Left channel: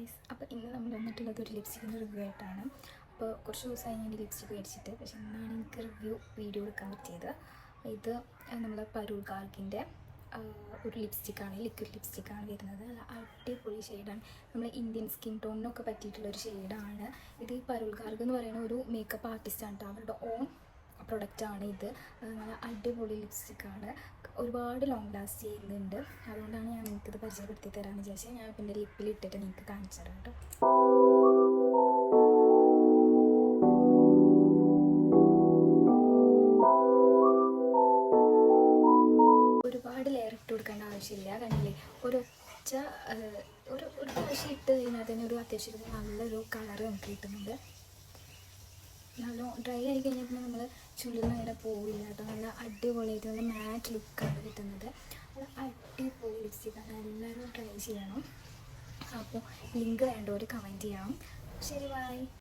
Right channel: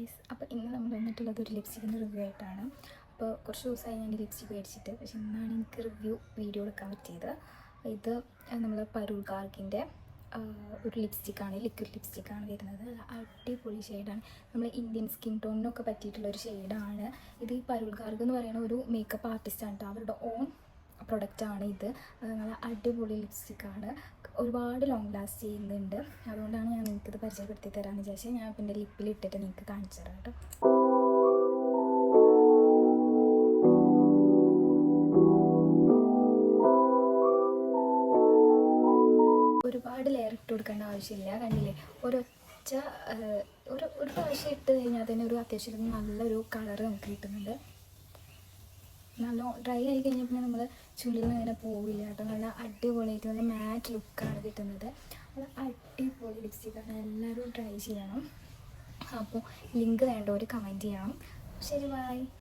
Guys, അപ്പോൾ ഇന്ന് നമ്മൾ വന്നിട്ടുള്ളത് ഒരു ലിപ്സ്റ്റിക്കിൻ്റെ റിവ്യൂ ആയിട്ടാണ്. അപ്പോൾ കുറച്ച് ദിവസമായി ഞാൻ ലിപ്സ്റ്റിക് മേടിച്ചിട്ട്, പക്ഷെ ഇന്നാണ് എനിക്ക് വീഡിയോ എടുക്കാൻ പറ്റിയത്. ഇത് നമ്മൾ പരൂൾ ഗാർഗിൻ്റെ ഒരു ലിപ്സ്റ്റിക്കാണ്, ലിക്വിഡ് ലിപ്സ്റ്റിക്കാണ് വരുന്നത്. അടിപൊളി ഷെയ്ഡാണ്, നമ്മൾ ഇന്ത്യൻ സ്കിൻ ടോണിനൊക്കെ പറ്റിയിട്ടുള്ളൊരു ഷെയ്ഡാണ് ഇത്. ഈ പരൂൾ ഗാർഗ് എന്ന് പറയുന്ന ഒരു മേക്കപ്പ് ആർട്ടിസ്റ്റാണ്, അവരുടെ ഓൺ പ്രൊഡക്റ്റാണ് ഇത്. നല്ല അടിപൊളി ലിപ്സ്റ്റിക്കാണ്, ഒരുപാട് ലോങ് ലാസ്റ്റ് ചെയ്യുന്നുണ്ട്. അതുകൊണ്ടാണ് ഞാൻ നിങ്ങൾക്കിത് പരിചയപ്പെടുത്തി തരാമെന്ന് വിചാരിച്ചാൽ ഞാൻ എൻ്റെ ലിപ്പിൽ ഇട്ടിട്ട് നിങ്ങൾക്ക് കാണിച്ചു തരാം കേട്ടോ. ഒരുപാട് ലെയർ ഇട്ട് കൊടുക്കേണ്ട ആവശ്യമില്ല. കണ്ടില്ലേ, ഒരു പ്രാവശ്യം ഇട്ട് കഴിഞ്ഞാൽ തന്നെ ഒരു അത്യാവശ്യം നല്ലൊരു കളറ് നമുക്ക് കിട്ടുന്നുണ്ട്. നല്ല ഡ്രൈ ആയി കഴിഞ്ഞാൽ പിന്നെ നമ്മൾ ചുള്ളിൽ അങ്ങനെ പോവില്ല കേട്ടോ. നല്ല അടിപൊളിയായിട്ട് നല്ല മാറ്റ് ലുക്കാണ് കിട്ടുന്നത്. നല്ല അടിപൊളി ലിപ്സ്റ്റിക്കാണ്, എല്ലാവരും ട്രൈ ചെയ്യണം. അപ്പോൾ ലിങ്ക് വേണ്ടവർ കമൻറ്റ് ചെയ്യണം. ശരി, ബൈ.